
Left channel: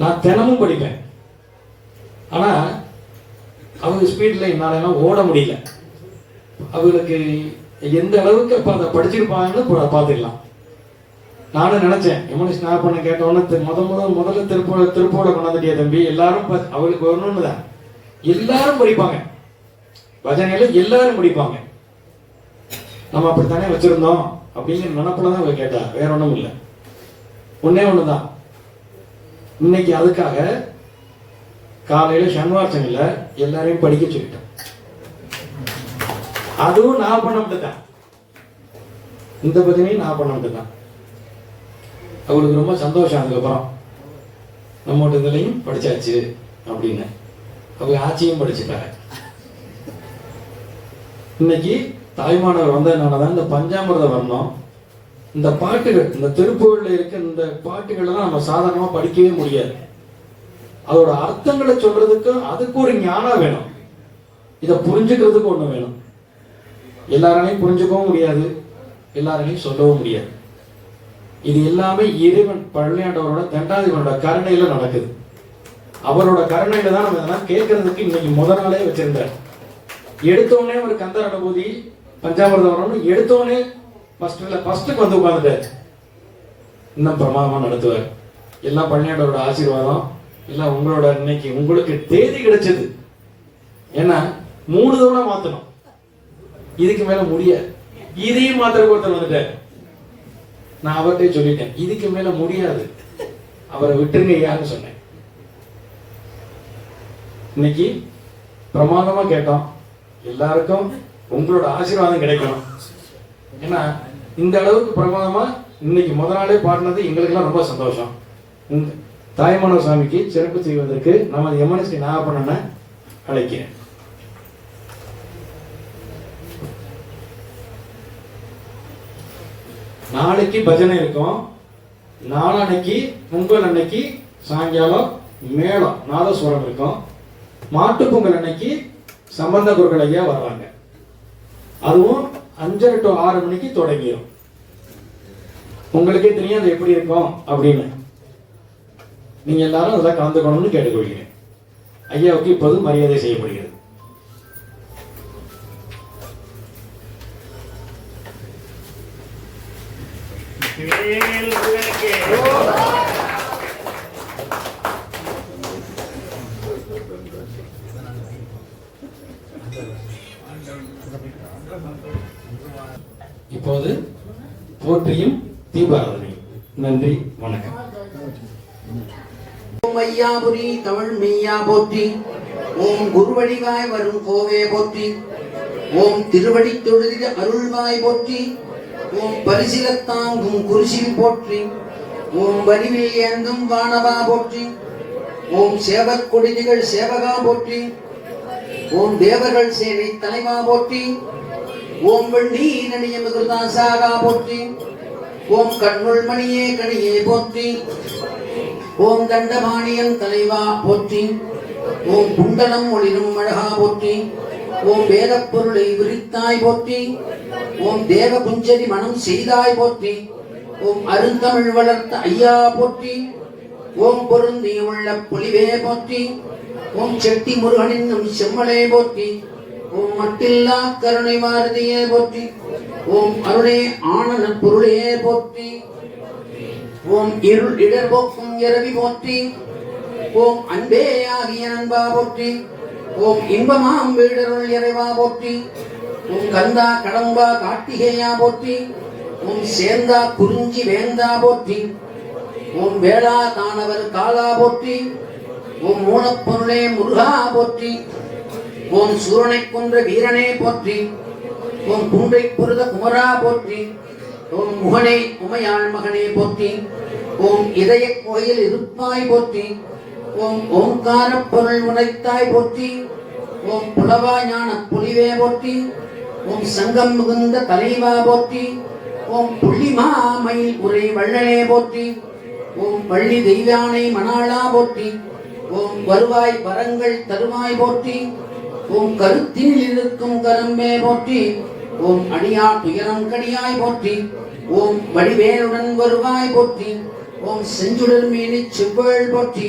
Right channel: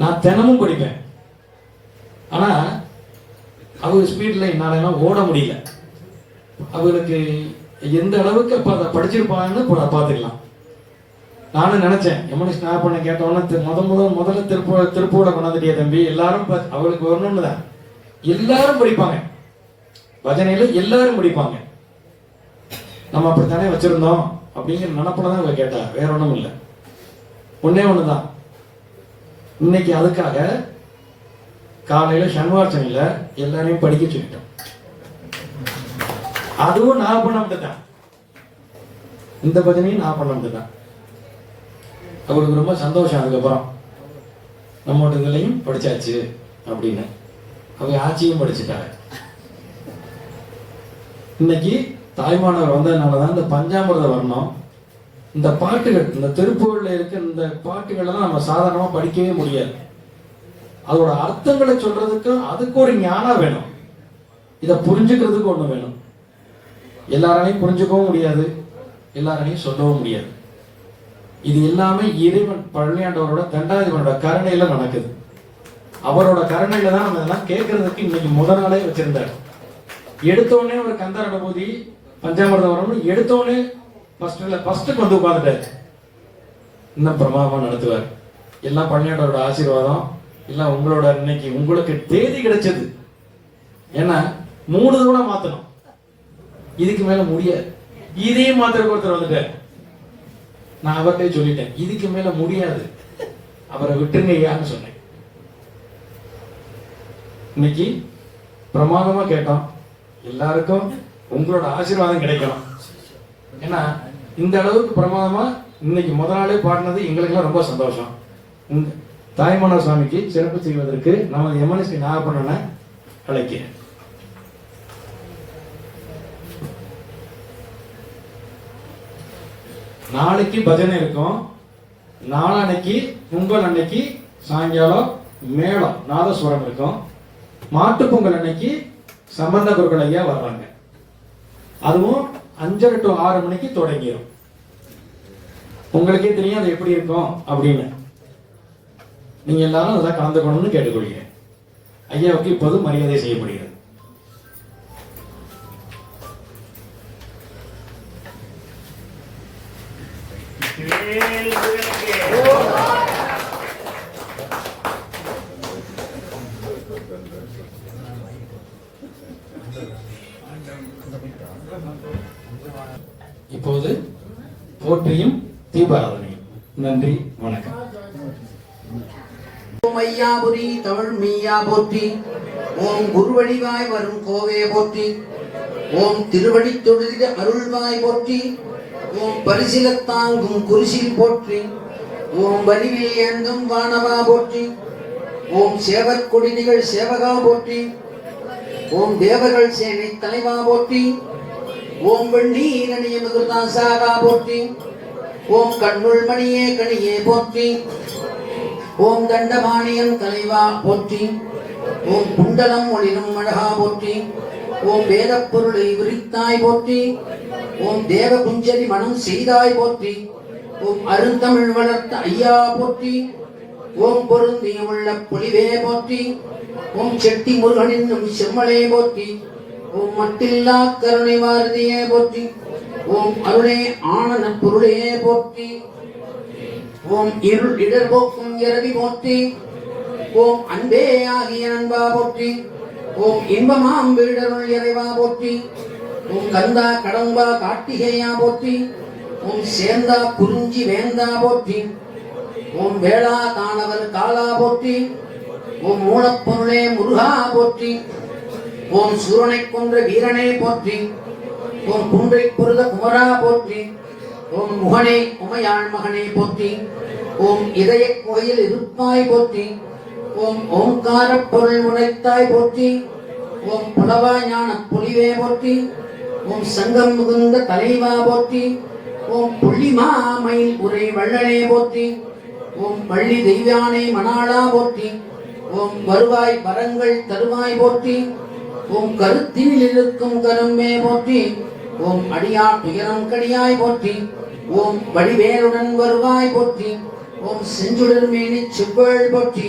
நான் தினமும் படிப்பேன், ஆனா அவங்க ஸ்பீட்ல என்னால ஓட முடியல. அவங்களுக்கு எந்த அளவுக்கு அப்ப அதை படிச்சிருப்பாங்கன்னு பாத்துக்கலாம். நானும் நினைச்சேன், எம்என்எஸ் நான் பண்ண கேட்டவொன்னு முதல்ல திருப்போட கொண்டாந்துட்டியா தம்பி, எல்லாரும் அவளுக்கு வரணும்னு தான் எல்லாரும் படிப்பாங்க, பஜனையில எல்லாரும் முடிப்பாங்க. நம்ம அப்படித்தானே வச்சிருந்தோம் அப்படிங்கிற நினைப்புலதான் அவங்க கேட்டா, வேற ஒண்ணும் இல்லை. ஒன்னே ஒண்ணுதான், இன்னைக்கு அதுக்காக காலையில சண்முகார்ச்சனையில எல்லாரையும் படிக்க சொல்லிட்டேன். அதுவும் நான் பண்ண விட்டுட்டேன், இந்த பஜனையும் நான் பண்ண விட்டுட்டேன். அவங்களுக்கு ரொம்ப சந்தோஷம். அதுக்கப்புறம் நம்மளோட இதுலையும் படிச்சாச்சு அப்படின்னு அவங்க ஆட்சியும் படிச்சுட்டாங்க. இன்னைக்கு தாய்மானவர் வந்ததுனாலதான் இந்த பஞ்சாமிர்த வர்ணம், இந்த பாட்டுகள், இந்த திருப்புகள்ல இருக்க இந்த பாட்டுகள் எல்லாம் நம்ம சாதாரணமா படிக்கவே முடியாது. அதோட அர்த்தங்களை சொல்றதுக்கு அதுக்கு ஒரு ஞானம் வேணும், இதை புரிஞ்சுக்கிறதுக்கு ஒண்ணு வேணும். எல்லாரையும் புரிஞ்சுக்கவும் முடியாது, எல்லாரையும் சொல்லவும் முடியாது. இது எல்லாமே இறைவன் பழனியாண்டவரோட தண்டாதிபனோட கருணையில நடக்குது. அவரோட கருணையில தான் நம்ம இதெல்லாம் கேட்கறதுக்கு இன்னைக்கு முதல் நாளே வச்சிருந்தார். எடுத்தோடனே ஒரு கந்தர் அனுபூதி பஞ்சாமிர்த வரணும், எடுத்தோடனே ஃபர்ஸ்ட்டுக்கு வந்து உட்காந்துட்டாரு. இன்னும் பிரமாதமா நடத்துவார். எல்லாம் பள்ளியோட ஆசீர்வாதம், எல்லாம் உங்களோட இன்னைக்கு உங்களுக்கு தேதி கிடைச்சது. ஏன்னா 3 தடவை மாத்தணும், இதுக்கு மேல முடியாது. இதையும் மாத்திர ஒருத்தர் வந்துட்டார். நான் அவர்கிட்ட சொல்லிட்டேன், இதுக்கு மேல முடியாது, அவரை விட்டுருங்க ஐயான்னு சொன்னேன். இன்னைக்கு பிரமாதமா கேட்டோம். எல்லாருக்கும் உங்களோட ஆசீர்வாதம் கிடைக்கணும். ஏன்னா இந்த அளவுக்கு பிரமாதமா இன்னைக்கு முதல் நாளே பாடினது எங்களுக்கெல்லாம் ரொம்ப சந்தோஷம். தாய்மான சுவாமிக்கு சிறப்பு செய்வதற்கு நமது எம்என்எஸ்டி நாகப்பண்ணனை அழைக்கிறேன். நாளைக்கு பஜனை இருக்கும். நாளன்னைக்கு பொங்கல் அன்னைக்கு சாயங்காலம் மேளம் நாதஸ்வரம் இருக்கும். மாட்டு பொங்கல் அன்னைக்கு சம்பந்த குருக்கள் ஐயா வர்றாங்க. அதுவும் 5:30 to 6 மணிக்கு தொடங்கிடும். உங்களுக்கே தெரியும் அது எப்படி இருக்கும் அப்படின்னு. நீங்க எல்லாரும் அதெல்லாம் கலந்துக்கணும்னு கேட்டுக்கொள்கிறேன். ஐயாவுக்கு இப்போது மரியாதை செய்யப்படுகிறது. இப்போது போற்றியும் தீபாராதனை. நன்றி, வணக்கம். மையாபுரி தமிழ் மெய்யா போற்றி. ஓம் குருவடிவாய் வரும் கோவே போற்றி. ஓம் திருவடி தொழுதிட அருள்வாய் போற்றி. ஓம் பரிசிலத்தாங்கும் குருசில் போற்றி. ஓம் வலிவில் ஏந்தும் வானவா போற்றி. ஓம் சேவற்கொடிதிகள் சேவகா போற்றி. ஓம் தேவர்கள் சேனை தலைவா போற்றி. ஓம் வெண்ணீரணிய மதுதாசாகா போற்றி. ஓம் கண்ணுள் மணியே கணியே போற்றி. ஓம் தண்டபாணியன் தலைவா போற்றி. ஓம் குண்டலம் ஒளிரும் அழகா போற்றி. ஓம் வேத பொருளை விரித்தாய் போற்றி. ஓம் தேவ குஞ்சரி மனம் செய்தாய் போற்றி. ஓம் அருந்தமிழ் வளர்த்த ஐயா போற்றி. ஓம் பொருந்திய உள்ள பொலிவே போற்றி. ஓம் செட்டி முருகனின் செம்மலே போற்றி. ஓம் மட்டில்லா கருணை வாரதியே போற்றி. ஓம் அருளே ஆனந்த பொருளே போற்றி. ஓம் இருள் இடர் போக்கும் இரவி போற்றி. ஓம் அன்பே ஆகிய அன்பா போற்றி. ஓம் இன்பமாம் வீடருள் இறைவா போற்றி. ஓம் கந்தா கடம்பா கார்த்திகேயா போற்றி. ஓம் சேந்தா குறிஞ்சி வேந்தா போற்றி. ஓம் வேளா தானவர் காலா போற்றி. ஓம் மூலப்பொருளே முருகா போற்றி. ஓம் சூரனை கொன்ற வீரனே போற்றி. ஓம் குன்றை பொருத குமரா போற்றி. ஓம் முகனே உமையாள் மகனே போற்றி. ஓம் இதய கோயில் இருப்பாய் போற்றி. ஓம் ஓம்கார பொருள் உடைத்தாய் போற்றி. ஓம் புலவா ஞான புலிவே போற்றி. ஓம் சங்கம் மிகுந்த தலைவா போற்றி. ஓம் புள்ளிமா மயில் உரை வள்ளலே போற்றி. ஓம் வள்ளி தெய்வானை மணாளா போற்றி. ஓம் வருவாய் வரங்கள் தருவாய் போற்றி. ஓம் கருத்தில் இருக்கும் கரும்பே போற்றி. ஓம் அடியா துயரம் கடியாய் போற்றி. ஓம் வடிவேலுடன் வருவாய் போற்றி. ஓம் செஞ்சுடர் மேனி செவ்வாள் போற்றி.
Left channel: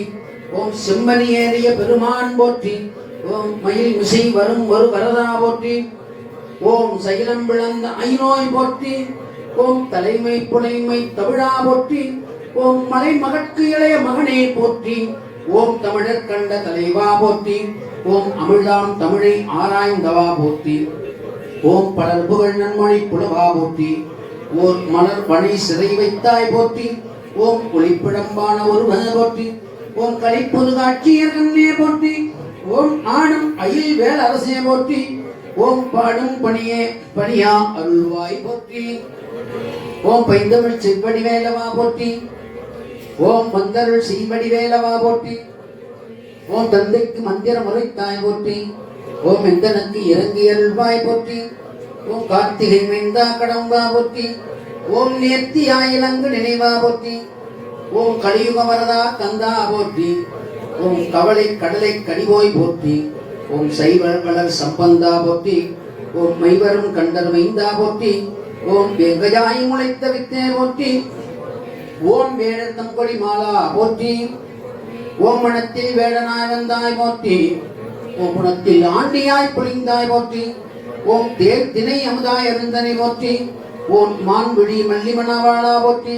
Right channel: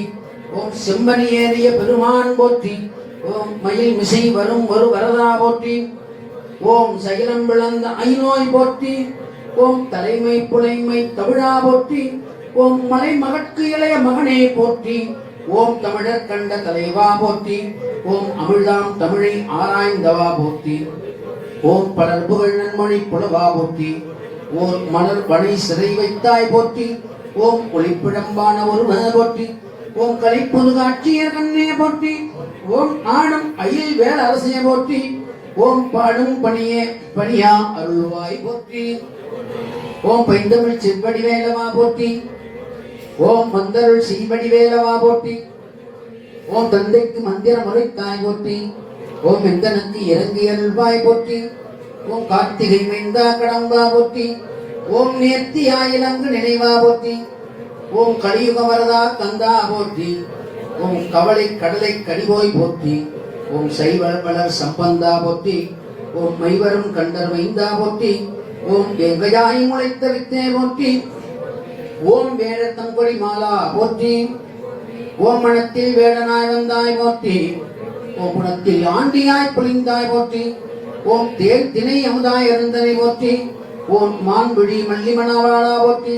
ஓம் செம்பனி ஏறிய பெருமான் போற்றி. ஓம் மயில் மிசை வரும் ஒரு வரதா போற்றி. ஓம் சைலம் விளந்த ஐநோய் போற்றி. ஓம் தலைமை புலைமை தமிழா போற்றி. ஓம் மலை மகற்கு இளைய மகனே போற்றி. ஓம் தமிழர் கண்ட தலைவா போற்றி. ஓம் அமிழ்தாம் தமிழை ஆராய்ந்தவா போற்றி. ஓம் பலர் புகழ் நன்மொழி புலவா போற்றி. ஓர் மலர் பணி சிறை வைத்தாய் போற்றி. ஓம் ஒளிப்பிடம்பான ஒருவன போற்றி. ஓம் கலைப்புரு காட்சியர் கண்ணே போற்றி. ஓம் ஆடும் அயில் வேல அரசே போற்றி. ஓம் பாடும் பணியே பணியா அருள்வாய் போற்றி. ஓம் பைந்தமிழ் செவ்வடி வேலவா போற்றி. ஓம் மந்தருள் சீவடி வேலவா போற்றி. ஓம் தந்தைக்கு மந்திர முறைத்தாய் போற்றி. ஓம் எந்தனுக்கு இறங்கி அருள்வாய் போற்றி. ஓம் கார்த்திகை மைந்தா கடம்பா போற்றி. ஓம் நேர்த்தி ஆயிலங்கு நினைவா போற்றி. ஓம் கலியுக வரதா கந்தா போற்றி. ஓம் கவலை கடலை கடிவோய் போற்றி. ஓம் சைவர் மலர் சம்பந்தா போற்றி. ஓம் மைவரும் கண்டர் மைந்தா போற்றி. ஓம் வெங்கையாய் முளைத்த வித்தே போற்றி. ஓம் வேடத்தம் கொடி மாலா போற்றி. ஓம் மனத்தில் வேடனாய் வந்தாய் போற்றி. ஓம் குணத்தில் ஆண்டியாய் புலிந்தாய் போற்றி. ஓம் தேர் திணை அமுதாய் அருந்தனை போற்றி. ஓம் மான்விழி மல்லிமணாவாளா போற்றி.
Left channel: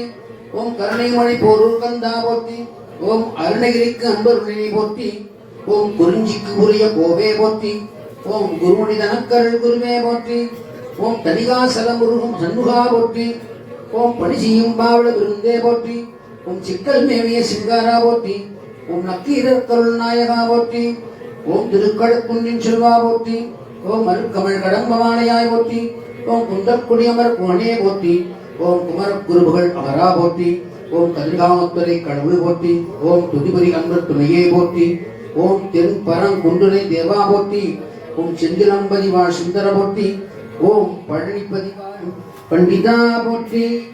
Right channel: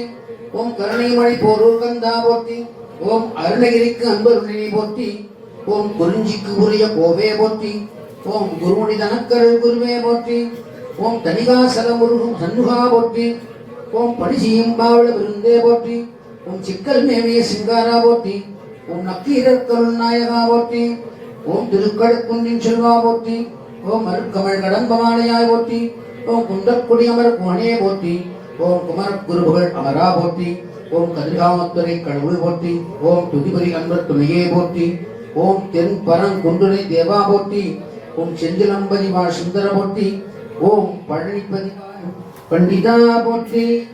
ஓம் கருணைமணி போரூர் கந்தா போற்றி. ஓம் அருணகிரிக்கு அன்பருணை போற்றி. ஓம் குறிஞ்சிக்கு உரிய கோவே போற்றி. ஓம் குருமுடி தனக்கருள் குருவே போற்றி. ஓம் தனிகாசல முருகும் சண்முகா போற்றி. ஓம் பணிசியும் பாவள விருந்தே போற்றி. ஓம் சிக்கல் மேவிய சிங்காரா போற்றி. ஓம் நக்கீரர் கருள் நாயகா போற்றி. ஓம் திருக்கழுக்குன்றின் செல்வா போற்றி. ஓம் மருக்கமள் கடம்பவானையாய் போற்றி. ஓம் குண்டற்குடியமர் குணே போற்றி. ஓம் குமரக் குருபுகள் அமரா போற்றி. ஓம் கதிர்காமத்துறை கடவுள் போற்றி. ஓம் துதிபுரி அன்பர் துணையே போற்றி. ஓம் தென் பரங்குன்றுனை தேவா போற்றி. ஓம் செந்திலம்பதி வாழ் சுந்தர போற்றி. ஓம் பழனிபதி வாழ் பண்டிதா போற்றி.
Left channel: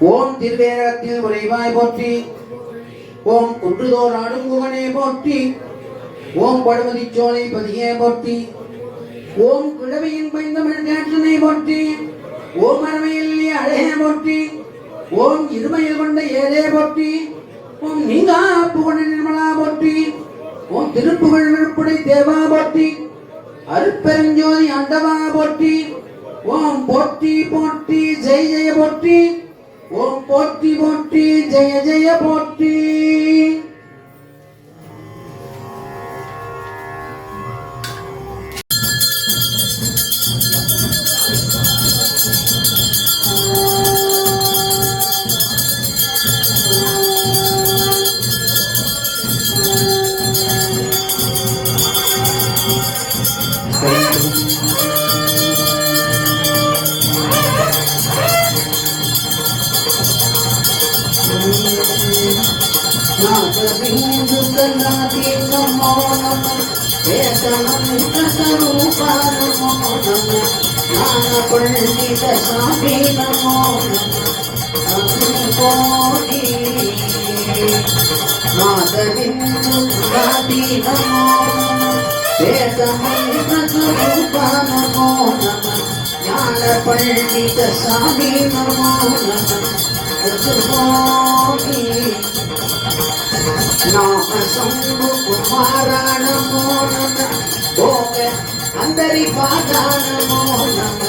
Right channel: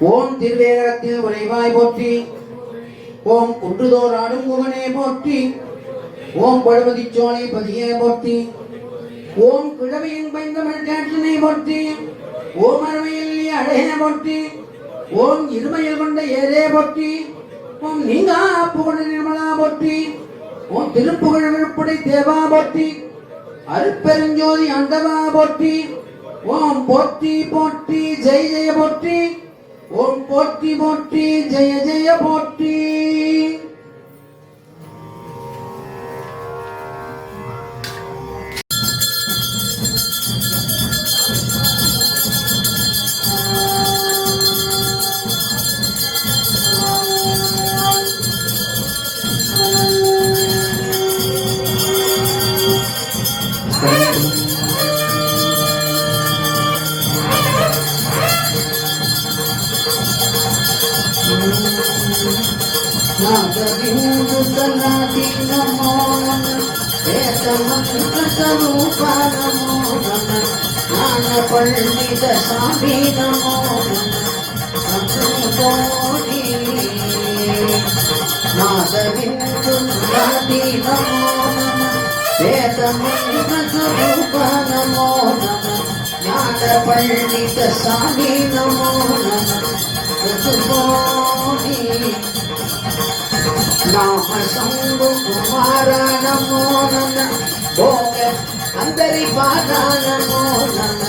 ஓம் திருவேரகத்தில் உறைவாய் போற்றி. ஓம் குன்றுதோர் ஆடும் முகனே போற்றி. ஓம் பழுமதி சோலை பதியே போற்றி. ஓம் கிழவியின் பைந்தமிழ் கேட்டனை போற்றி. ஓம் அருமையில் அழகே போற்றி. ஓம் இருமையில் கொண்ட ஏரே போற்றி. ஓம் நீங்கா புகழ் நிர்மலா போற்றி. ஓம் திருப்புகழ் விழுப்புடை தேவா போற்றி. அருட்பெருஞ்சோதி அண்டவா போற்றி. ஓம் போற்றி போற்றி ஜெய ஜெய போற்றி. ஓம் போற்றி போற்றி ஜெய ஜெய போற்றி. பண்டித சாமி நமோ நாதவிந்து ராதி நமோ வேதமூபா நமோ ஞான பண்டித சாமி நமோ நாம சம்பு குமார நமோ போக அந்தரி பாதா நமோ நம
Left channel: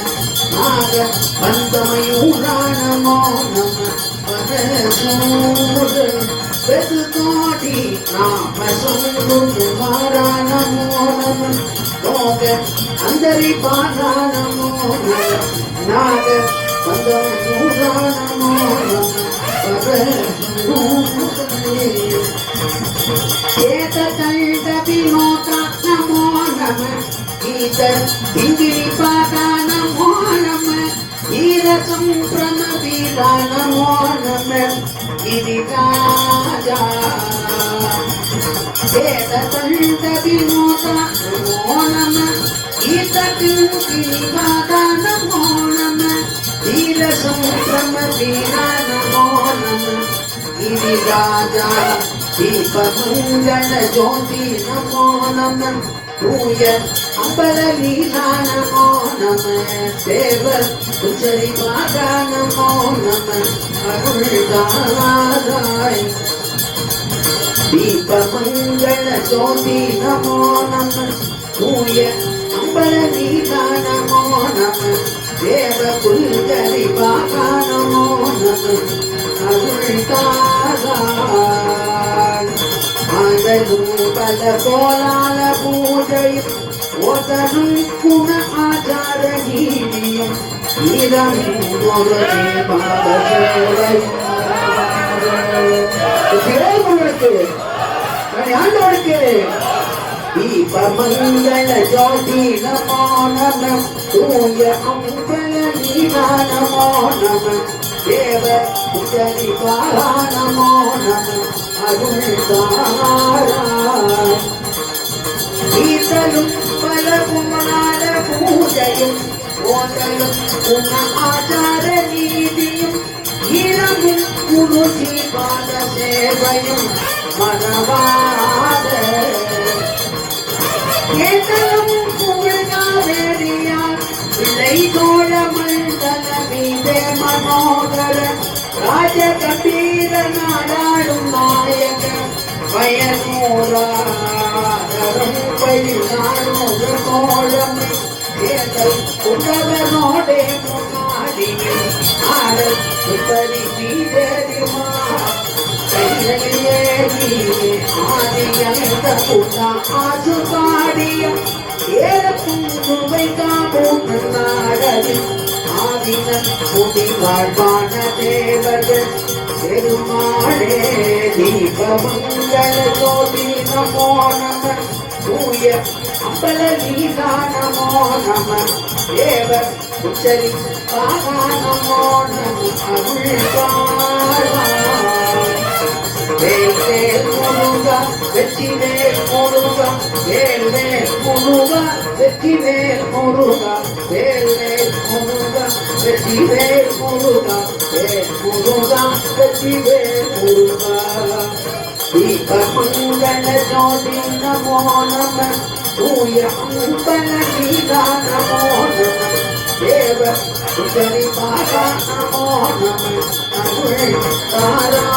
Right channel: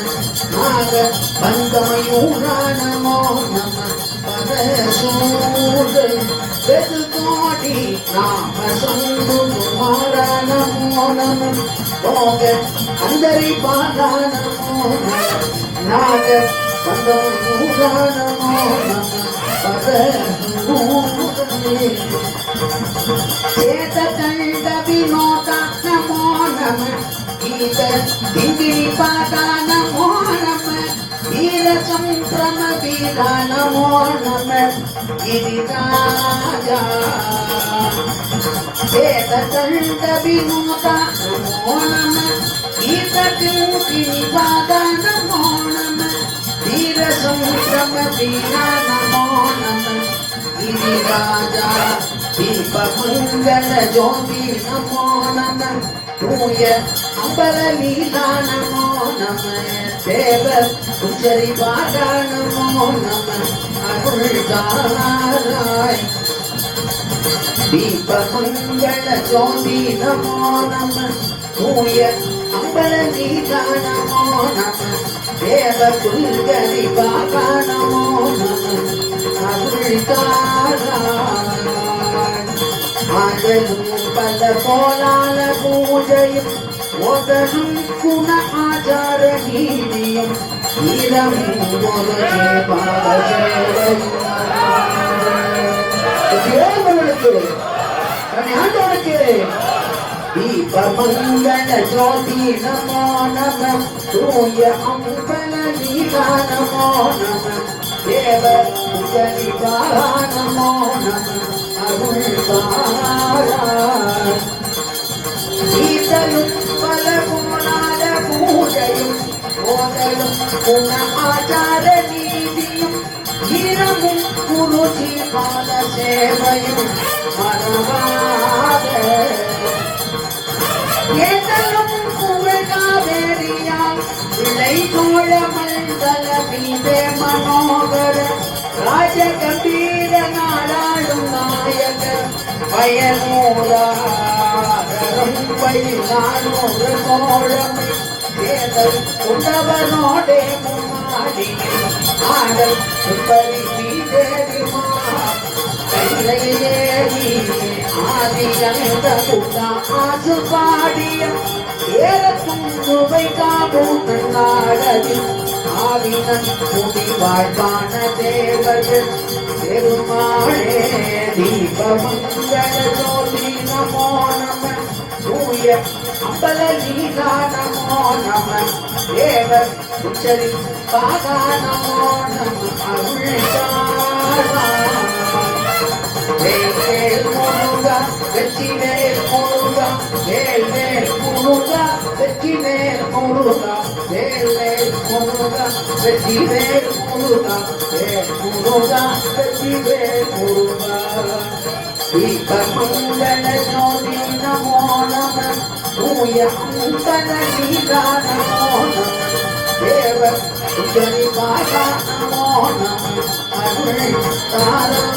நாக பந்தமயூரா நமோ நம பரசூடு வெது கோடி நாம சம்பு குமார நமோ நம போக அந்தரி பாதா நமோ நம நாக பந்தமயூரா நமோ நம சேத கண்ட வினோத நமோ நம கீத கிங்கிரி பாத நமோ நம வீர சம்பிரம வீர நமோ நம கிரிராஜா சேத கண்ட வினோத நமோ நம கீத கிங்கிரி பாத நமோ நம வீர சம்பிரம வீர நமோ நம गिरिराजा दीपमंगल ज्योति नमो नमः तूय अम्बर लीला नमो नमः देव कुचरी पादा नमो नमः अरुणदाराय दीपमंगल ज्योति नमो नमः तूय अम्बर लीला नमो नमः देव कुचरी पादा नमो नमः ஆடலும் பல போலால பூஜையும் ஓதலும் குண ஆச்சார நீதியும் ஈரமும் ஒரு ஆண்டவனுக்கு தீபமங்கள ஜோதி நமோ நம தூய அம்பல லீலா நமோ நம தேவ குஜரி பாலா நமோ நம அருள்வாராய் ஈசலும் பல குமரால பூஜையும் ஓதலும் குண ஆச்சார நீதியும் ஈரமும் குருசி பால சேவையும் மனவாத ஏதலும் புகழ்காதேரியால் விளை தோழ மண்டல மீதே மனோகர ராஜ கம்பீர நாடாளும் நாயக பயனூராதரும் நான் ஒரு கோலம் தேர்தல் உண்டவனோடே முன்னாடியே ஆடல் சுப்பரி சீதரிமா கையிலேயே ஆதியந்த புதா ஆசு பாடியம் ஏறக்கும் சுவை காபூம் நாடலில் ஆதினன் குடி வாழ்வான தேவர்கள் பெருமாளே தீபமங்கள ஜோதி நமோ நம தூய அம்பல லீலா நமோ நம தேவர் உச்சரி காகா நமோ நம அருள்காரா வேல் வேல் முருகா வெற்றி வேல் முருகா வேல் வேல் முருகா வெற்றி வேல் முருகா வேல் வேல் முருகா வெற்றி வேல் முருகா வேல் முருகா வெற்றி வேல் முருகா தீபமங்கள ஜோதி நமோ நம தூய அம்பல லீலா நமோ நம தேவ உச்சரி காகா நமோ நம அருள்காரா